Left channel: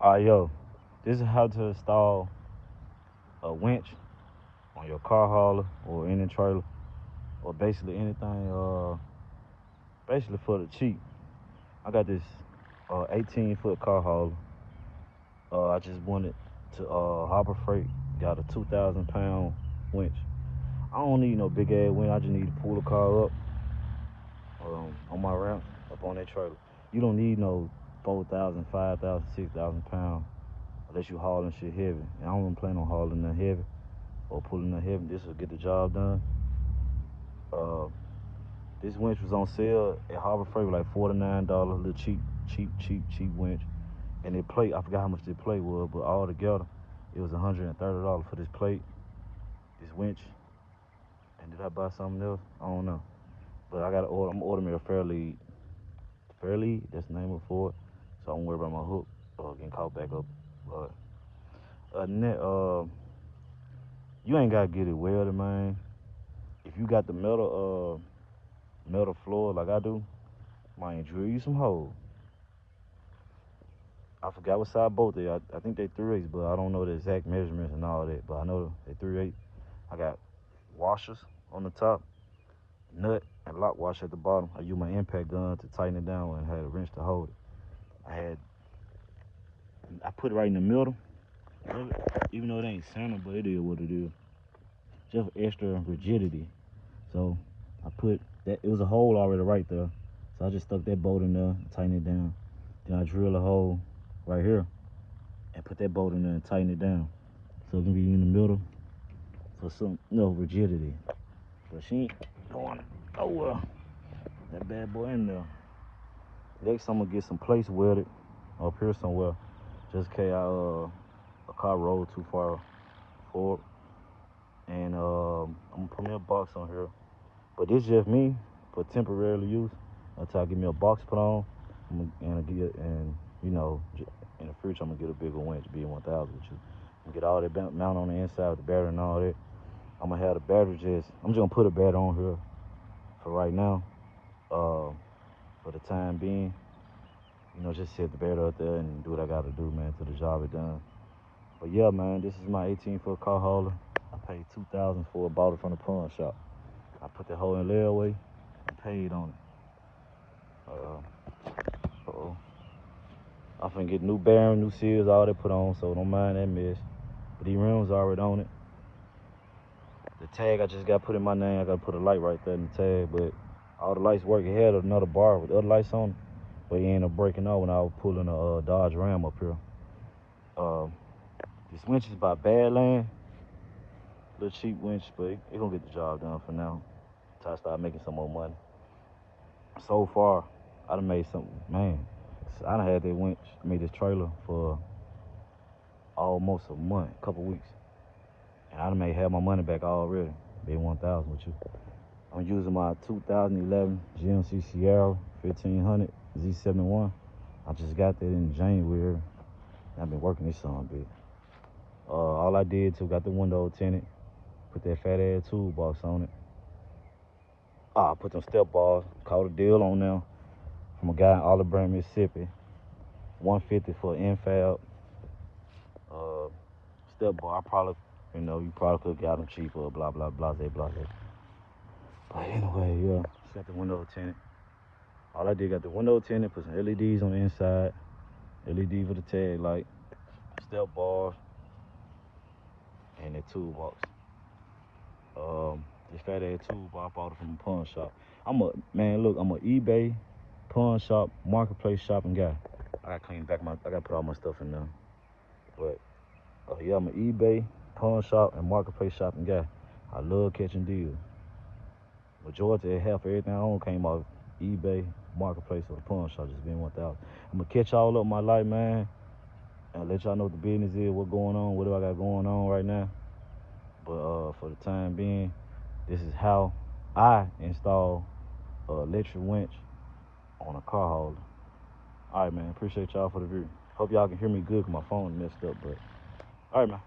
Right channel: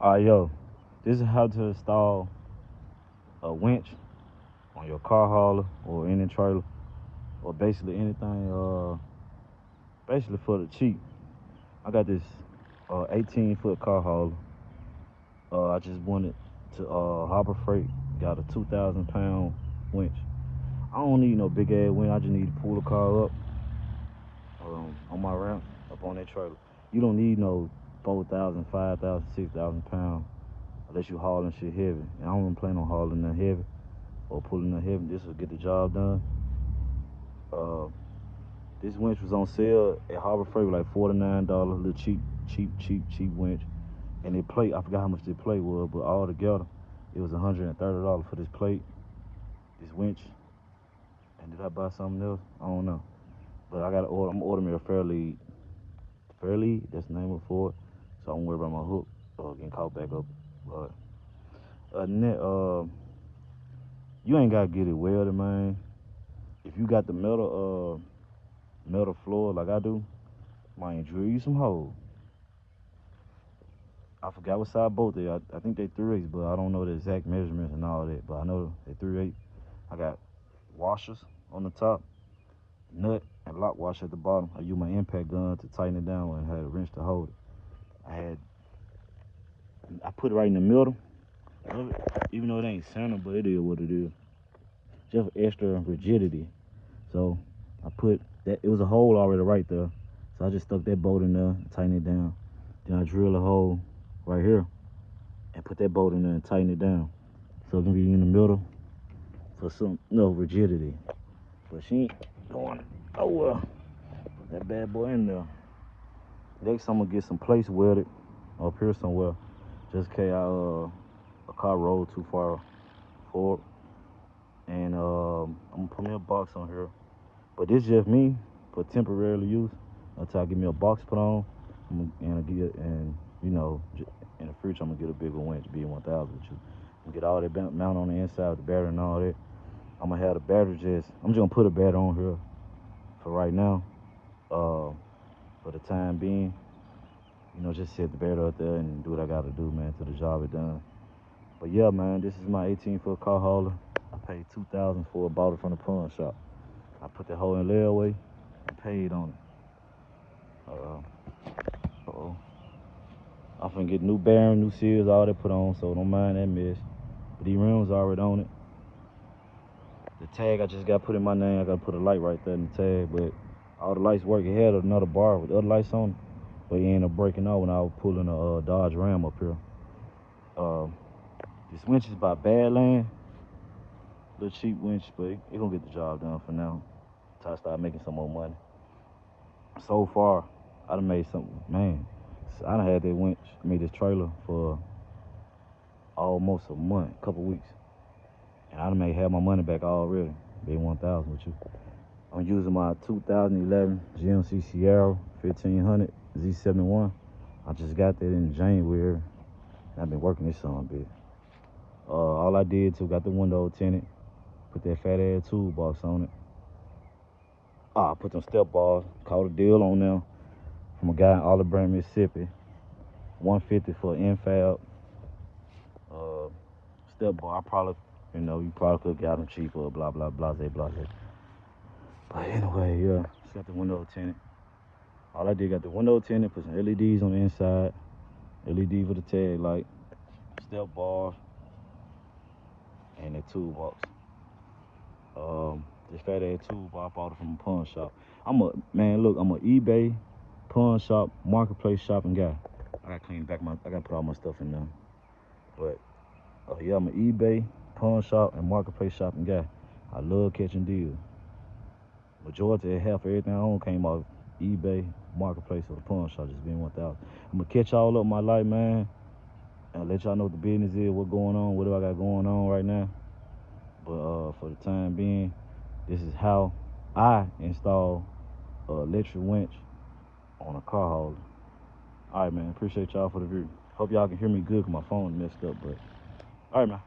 Alright, yo, this is how to install a winch on your car hauler or any trailer, or basically anything, basically for the cheap. I got this 18-foot car hauler. I just wanted to Harbor Freight, got a 2,000-pound winch. I don't need no big ass winch, I just need to pull the car up on my ramp, up on that trailer. You don't need no 4,000, 5,000, 6,000 pounds unless you hauling shit heavy. And I don't plan on hauling that heavy or pulling that heavy. This will get the job done. This winch was on sale at Harbor Freight like $49, a little cheap winch. And the plate, I forgot how much the plate was, but all together it was $130 for this plate, this winch. And did I buy something else? I don't know. But I gotta order, I'm ordering me a Fairlead. Fairlead, that's the name for it. So I don't worry about my hook getting caught back up. Other than that, you ain't gotta get it welded, man. If you got the metal floor like I do, might drill you some holes. I forgot what size bolt they are. I think they 3/8, but I don't know the exact measurements and all that. But I know they 3/8. I got washers on the top, nut and lock washer at the bottom. I use my impact gun to tighten it down and had a wrench to hold it. I put it right in the middle, even though it ain't center, but it is what it is. Just extra rigidity. So I put that, it was a hole already right there. So I just stuck that bolt in there and tighten it down. Then I drill a hole right here and put that bolt in there and tighten it down. So it's gonna be in the middle for some rigidity. But she ain't going, oh well, that bad boy in there. Next I'm gonna get some place welded up here somewhere, just in case a car rolled too far forward. And I'm gonna put me a box on here. But this just me for temporary use until I get me a box put on, and you know, in the future I'm gonna get a bigger winch, B1000 with you. And get all that mount on the inside, the battery and all that. I'm gonna have the battery I'm just gonna put a battery on here for right now. For the time being, you know, just set the battery out there and do what I gotta do, man, till the job is done. But yeah, man, this is my 18-foot car hauler. I paid $2,000 for it, bought it from the pawn shop. I put that hole in the layaway, I paid on it. I'm finna get new bearing, new seals, all that put on, so don't mind that mess. But these rims already on it. The tag I just got put in my name. I gotta put a light right there in the tag, but all the lights work. It had another bar with other lights on it, but it ended up breaking off when I was pulling a Dodge Ram up here. This winch is by Badland. Little cheap winch, but it gonna get the job done for now until I start making some more money. So far, I done made something, man. I done had that winch, this trailer for almost a month, a couple weeks. And I done made half my money back already, B1000 with you. I'm using my 2011 GMC Sierra 1500 Z71. I just got that in January. I've been working this on, bitch. All I did too, got the window tinted, put that fat ass toolbox on it. I put some step bars, caught a deal on them from a guy in Olive Branch, Mississippi. $150 for infab. Step bar, you probably could get them cheaper, blah, blah, blah, blah. But anyway, yeah, set the window tinted. All I did, got the window tinted, put some LEDs on the inside, LED for the tail light, step bars, and the toolbox. This fat ass toolbox, I bought it from a pawn shop. I'm a eBay, pawn shop, marketplace shopping guy. I gotta clean back I gotta put all my stuff in there. But yeah, I'm an eBay, pawn shop, and marketplace shopping guy. I love catching deals. Majority of half of everything I own came out eBay, marketplace, or the pawn shop, just being 1,000. I'm gonna catch y'all up my life, man, and let y'all know what the business is, what's going on, whatever I got going on right now. But for the time being, this is how I install an electric winch on a car hauler. All right, man, appreciate y'all for the view. Hope y'all can hear me good because my phone messed up, but all right, man.